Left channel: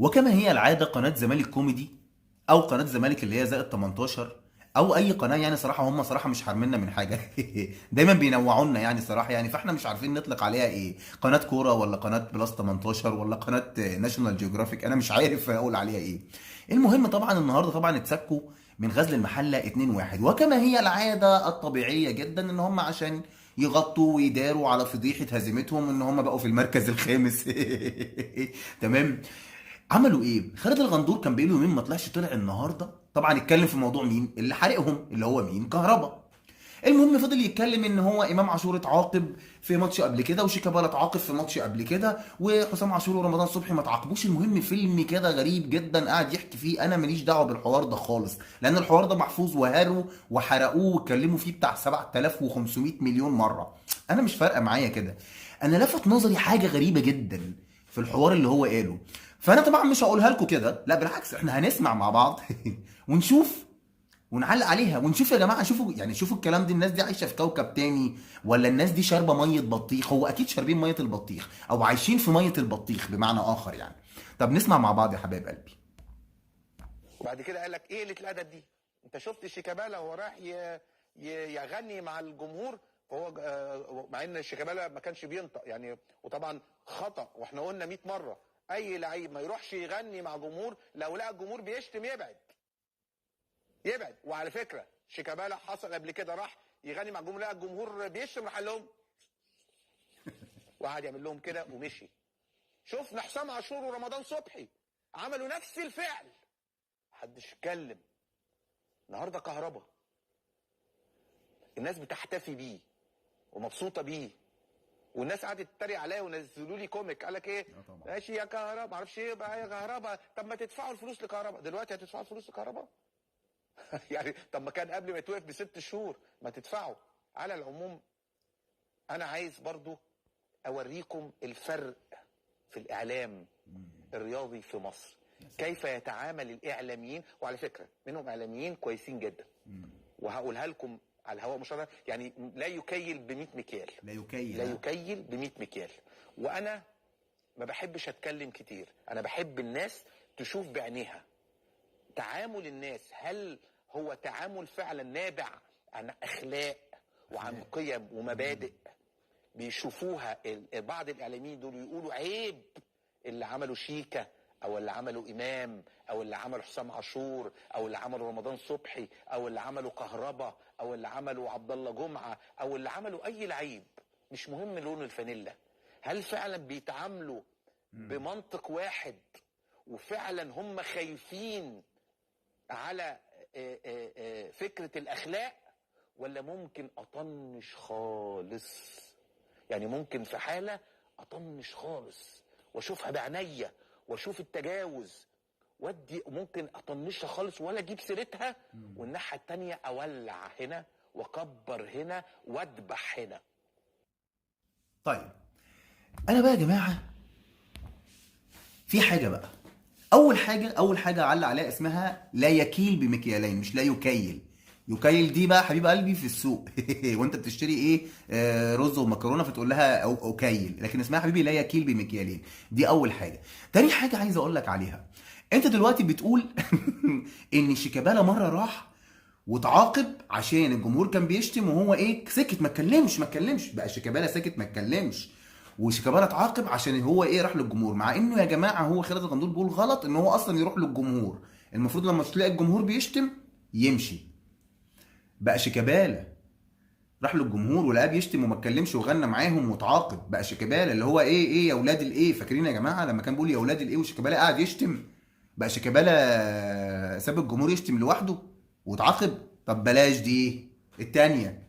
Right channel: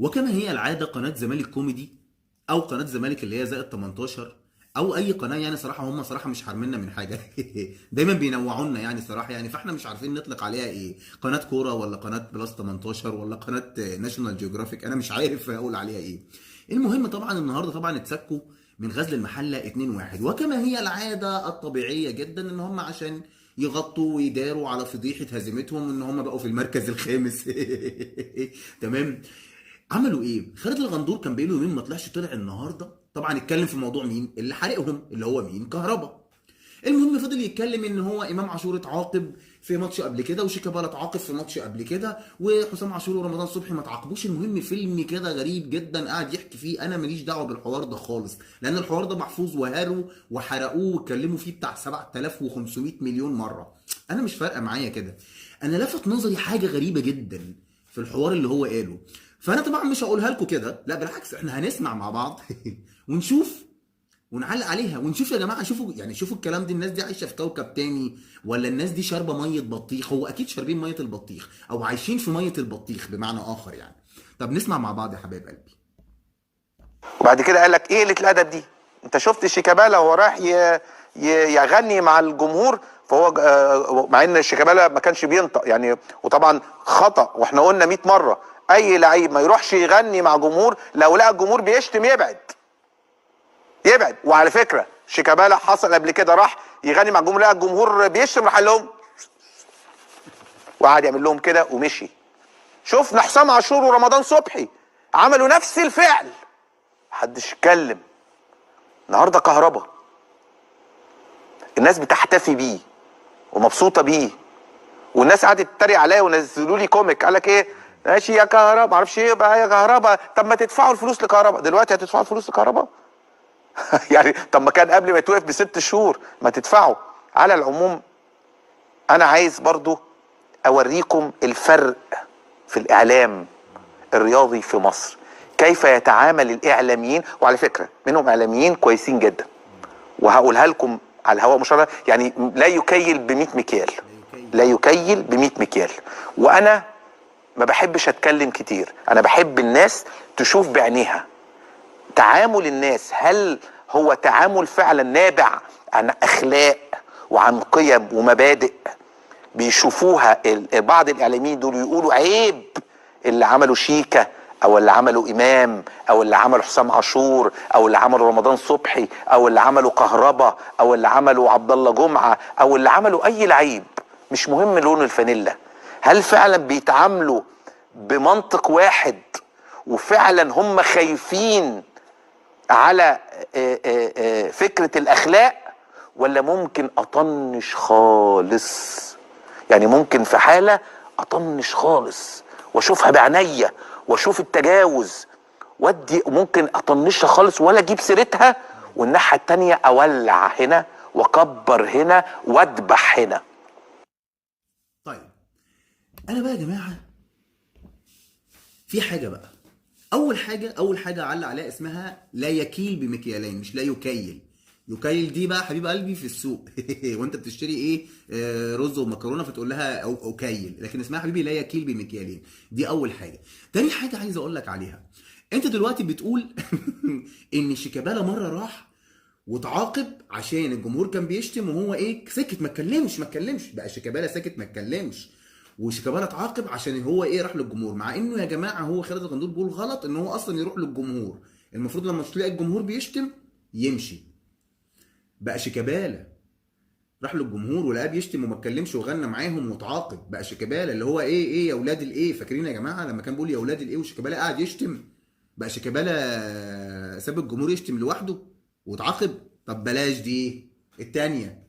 وكما هي العاده قناه زمالك كوميدي او قناه زمالك اللي هي زائد 18 او اي قناه، يعني صراحه هم صراحه مش حارميننا من حاجه. دايما بينوعونا يعني صراحه، يعني فاحنا مش عارفين نطلق عليها ايه، قناه كوره ولا قناه بلس 18 ولا قناه ناشونال جيوغرافيك، انا مش عارف اقول عليها ايه. المهم طبعا النهارده طبعا اتسكوا من غزل المحله 2-1، وكما هي العاده الطبيعيه جدا ان هم عشان يغطوا ويداروا على فضيحه هزيمتهم ان هم بقوا في المركز الخامس. تمام. عملوا ايه؟ خالد الغندور كان بقاله يومين ما طلعش، طلع النهارده طبعا اتكلم في موضوع مين اللي حارقهم، اللي هو مين؟ كهربا. المهم فضل يتكلم ان هو امام عاشور اتعاقب في ماتش قبل كده، وشيكابالا اتعاقب في ماتش قبل كده، وحسام عاشور ورمضان صبحي ما اتعاقبوش. المهم فيلم كده غريب جدا قاعد يحكي فيه، انا ماليش دعوه بالحوار ده خالص، لان الحوار ده محفوظ وهاروا وحرقوه واتكلموا فيه بتاع 7500 مليون مره. انا مش فارقه معايا كده. انا لفت نظري حاجه غريبه جدا في الحوار اللي هو قاله، فانا طبعا مش هقولها لكم كده، لا بالعكس احنا هنسمع مع بعض ونشوف ونعلق عليها ونشوف يا جماعه. شوفوا يعني، شوفوا الكلام ده، الناس دي عايشه في كوكب تاني ولا الناس دي شاربه ميه بطيخ؟ هو اكيد شاربين ميه البطيخ او عايشين في ميه البطيخ بمعنى اخر يعني. طب نسمع مع بعض يا حبايب قلبي. وبعد كده قال لك ايه قله الادب دي؟ انت شفت شيكابالا وهو رايح يغني مع الجمهور؟ فهو مع ان شيكابالا ما كانش بينطق يعني، وطبعا خطا، واحنا قلنا 100 مره اي لعيب ما يروحش يغني مع جمهور، لو لقى الجمهور بيشتم يبعد يبعد. وعلى فكره شيكابالا حصل قبل كده، راح يغني مع الجمهور لقى الجمهور بيشتم، راح قال لهم وقعد يعمل لهم كده ومشي. شفنا حسام عاشور ورمضان صبحي عملوا نفس الفعل، محدش اتكلم. النهارده كهربا الناس بتحتفي بيه ومبسوطه بيه، والناس قعدت تتريق عليا ونزلوا لي كوميك قال لك ايه، ماشي يا كهربا معرفش ايه بقى يا كهربا، طب ما تدفعوا الفلوس لكهربا دلوقتي، هتدفعوا الفلوس لكهربا؟ يعني طب ما كان قبل ما يتوقف ب6 شهور ما تدفعوا. على العموم انا عايز برضو اوريكم الفرق في الاعلام الرياضي في مصر، كيف يتعامل الاعلاميين، وعلى فكره منهم اعلاميين كويسين جدا، وهقولها لكم على الهواء مشرف يعني، لا يكيل ب100 مكيال، لا يكيل ب100 مكيال. وانا ما بحبش اتكلم كتير، انا بحب الناس تشوف بعينيها تعامل الناس، هل هو تعامل فعلا نابع عن اخلاق وعن قيم ومبادئ بيشوفوها بعض الاعلاميين دول يقولوا عيب اللي عملوا شيكا او اللي عملوا امام او اللي عملوا حسام عاشور او اللي عملوا رمضان صبحي او اللي عملوا كهربا او اللي عملوا عبد الله جمعه او اللي عملوا اي لعيب، مش مهم لون الفانيلا، هل فعلا بيتعاملوا بمنطق واحد وفعلا هم خايفين على فكره الاخلاق، ولا ممكن اطنش خالص؟ يعني ممكن في حاله اطنش خالص واشوفها بعينيا واشوف التجاوز ودي، ممكن اطنشها خالص ولا اجيب سيرتها، والناحيه التانيه اولع هنا واكبر هنا واذبح هنا. طيب انا بقى يا جماعه في حاجه بقى، اول حاجه علق عليها اسمها لا يكيل بمكيالين، مش لا يكيل. يكيل دي بقى حبيب قلبي في السوق وانت بتشتري ايه، رز ومكرونه فتقول لها أو كيل، لكن اسمها حبيبي لا يكيل بمكيالين. دي اول حاجه. تاني حاجه عايز اقول لك عليها، انت دلوقتي بتقول ان شيكابالا مره راح واتعاقب عشان الجمهور كان بيشتم وهو ايه سكت ما اتكلمش بقى شيكابالا ساكت ما اتكلمش، وشيكابالا اتعاقب عشان هو ايه راح للجمهور، مع انه يا جماعه هو خالد الغندور بيقول غلط ان هو اصلا يروح للجمهور، المفروض لما تلاقي الجمهور بيشتم يمشي. بقى شيكابالا راح للجمهور ولقاه بيشتم وما اتكلمش وغنى معاهم واتعاقب، بقى شيكابالا اللي هو ايه يا اولاد الايه، فاكرين يا جماعه لما كان بيقول يا اولاد الايه وشيكابالا قاعد يشتم؟ بقى شيكابالا ساب الجمهور يشتم لوحده واتعاقب؟ طب بلاش دي التانية.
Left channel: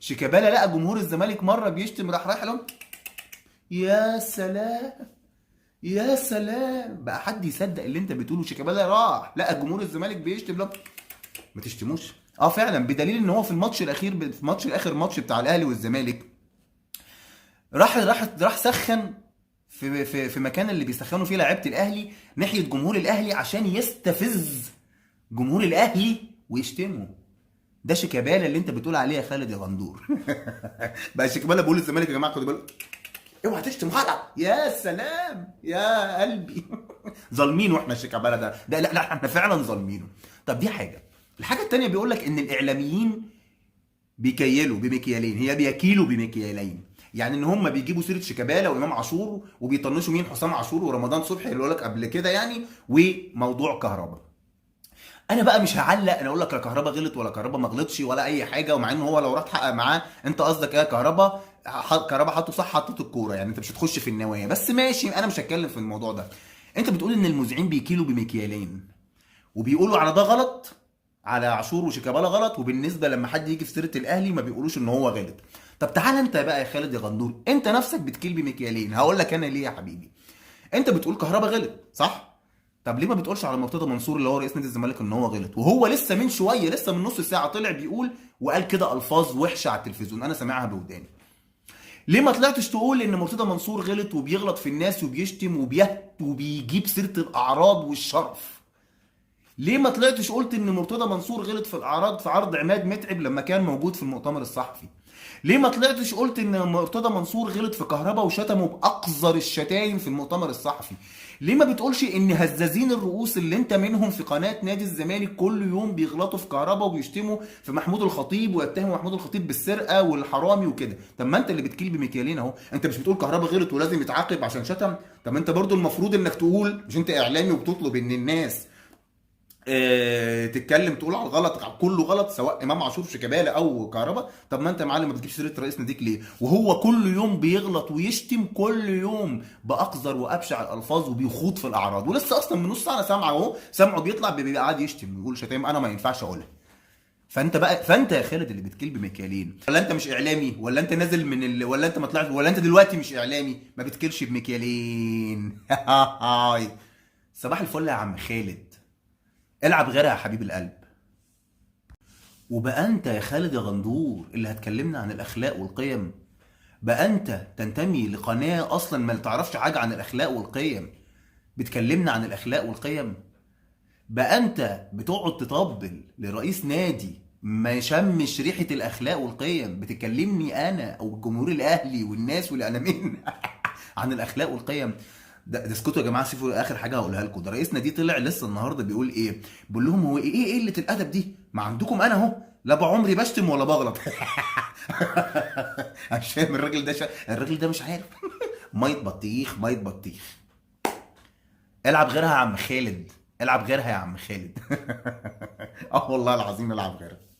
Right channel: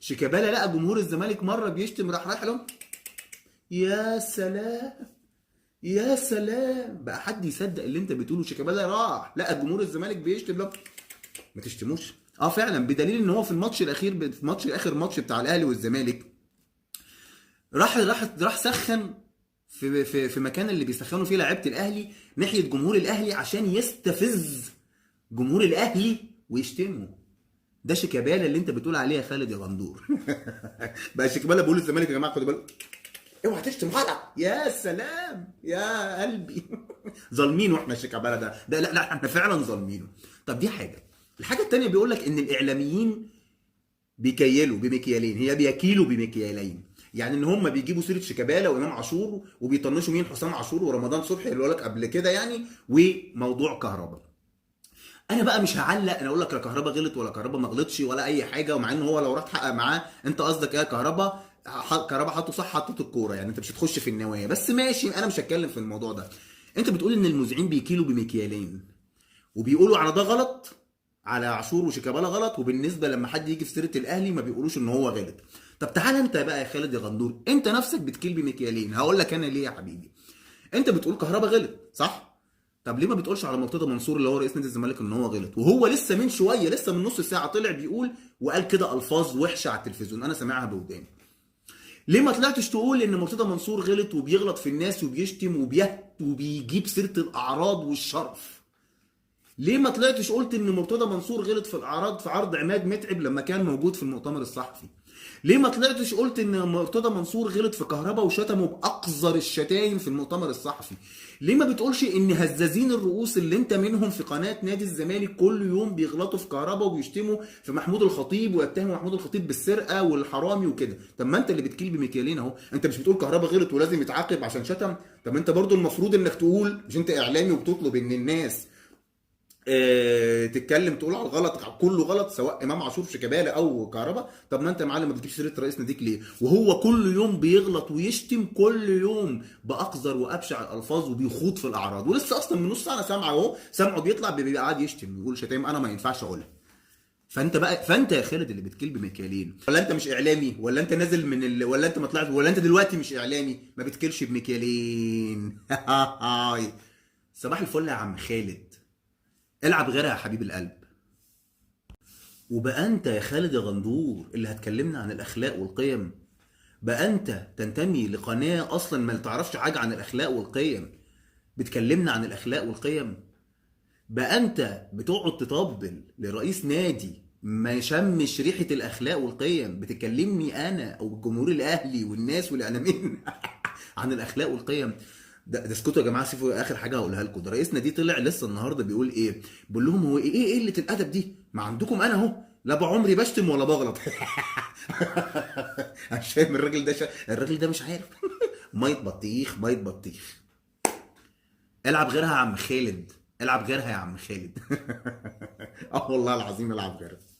شيكابالا لقى جمهور الزمالك مره بيشتم راح رايح لهم، يا سلام يا سلام، بقى حد يصدق اللي انت بتقوله؟ شيكابالا راح لقى جمهور الزمالك بيشتم لهم ما تشتموش. اه فعلا، بدليل ان هو في الماتش الاخير، في ماتش الاخر ماتش بتاع الاهلي والزمالك، راح سخن في مكان اللي بيسخنوا فيه لعيبه الاهلي ناحيه جمهور الاهلي عشان يستفز جمهور الاهلي ويشتمه. ده شيكابالا اللي انت بتقول عليه يا خالد يا غندور. بقى شيكابالا بيقول للزمالك يا جماعه خدوا بالكم اوعى تشتم غلط. يا سلام يا قلبي. ظالمينه احنا شيكابالا ده لا لا احنا فعلا ظالمينه. طب دي حاجه. الحاجه التانيه بيقول لك ان الاعلاميين بيكيلوا بمكيالين، هي بيكيلوا بمكيالين. يعني ان هم بيجيبوا سيره شيكابالا وامام عاشور وبيطنشوا مين؟ حسام عاشور ورمضان صبحي اللي قال لك قبل كده يعني، وموضوع كهربا. انا بقى مش هعلق انا اقول لك لا كهربا غلط ولا كهربا ما غلطش ولا اي حاجه، ومع ان هو لو راح تحقق معاه انت قصدك ايه كهربا؟ كهربا حطه صح حطته الكوره، يعني انت مش هتخش في النوايا، بس ماشي انا مش هتكلم في الموضوع ده. انت بتقول ان المذيعين بيكيلوا بمكيالين وبيقولوا على ده غلط، على عاشور وشيكابالا غلط، وبالنسبه لما حد يجي في سيره الاهلي ما بيقولوش ان هو غلط. طب تعالى انت بقى يا خالد يا غندور، انت نفسك بتكيل بمكيالين. هقول لك انا ليه يا حبيبي. انت بتقول كهربا غلط صح؟ طب ليه ما بتقولش على مرتضى منصور اللي هو رئيس نادي الزمالك ان هو غلط؟ وهو لسه من شويه، لسه من نص ساعه طلع بيقول وقال كده الفاظ وحشه على التلفزيون انا سامعها بوداني. ليه ما طلعتش تقول ان مرتضى منصور غلط وبيغلط في الناس وبيشتم وبيهت وبيجيب سيره الاعراض والشرف؟ ليه ما طلعتش قلت ان مرتضى منصور غلط في الاعراض في عرض عماد متعب لما كان موجود في المؤتمر الصحفي؟ ليه ما طلعتش قلت ان مرتضى منصور غلط في كهربا وشتمه باقذر الشتايم في المؤتمر الصحفي؟ ليه ما بتقولش ان هزازين الرؤوس اللي انت منهم في قناه نادي الزمالك كل يوم بيغلطوا في كهربا وبيشتموا في محمود الخطيب ويتهموا محمود الخطيب بالسرقه والحرامي وكده؟ طب ما انت اللي بتكيل بمكيالين اهو. انت مش بتقول كهربا غلط ولازم يتعاقب عشان شتم؟ طب انت برضو المفروض انك تقول، مش انت اعلامي وبتطلب ان الناس تتكلم تقول على الغلط كله غلط سواء امام عاشور شيكابالا او كهربا؟ طب ما انت يا معلم ما بتجيبش سيره رئيس ناديك ليه وهو كل يوم بيغلط ويشتم كل يوم باقذر وابشع الالفاظ وبيخوض في الاعراض؟ ولسه اصلا من نص ساعه انا سامعه اهو، سامعه بيطلع بيبقى قاعد يشتم ويقول شتايم انا ما ينفعش اقولها. فانت يا خالد اللي بتكيل بمكيالين، ولا انت مش اعلامي، ولا انت نازل من ولا انت ما طلعت، ولا انت دلوقتي مش اعلامي ما بتكيلش بمكيالين؟ صباح الفل يا عم خالد، العب غيرها يا حبيب القلب. وبقى انت يا خالد يا غندور اللي هتكلمنا عن الاخلاق والقيم؟ بقى انت تنتمي لقناه اصلا ما تعرفش حاجه عن الاخلاق والقيم بتكلمنا عن الاخلاق والقيم؟ بقى انت بتقعد تطبل لرئيس نادي ما يشمش ريحه الاخلاق والقيم بتكلمني انا او الجمهور الاهلي والناس والاعلاميين عن الاخلاق والقيم؟ ده اسكتوا يا جماعه، شوفوا اخر حاجه هقولها لكم. ده رئيس نادي طلع لسه النهارده بيقول ايه؟ بيقول لهم هو ايه قله الادب دي؟ ما عندكم انا اهو لا بعمري بشتم ولا بغلط. أنا مش فاهم الراجل ده الراجل ده مش عارف. ميه بطيخ ميه بطيخ. العب غيرها يا عم خالد، العب غيرها يا عم خالد. اه والله العظيم العب غيرها.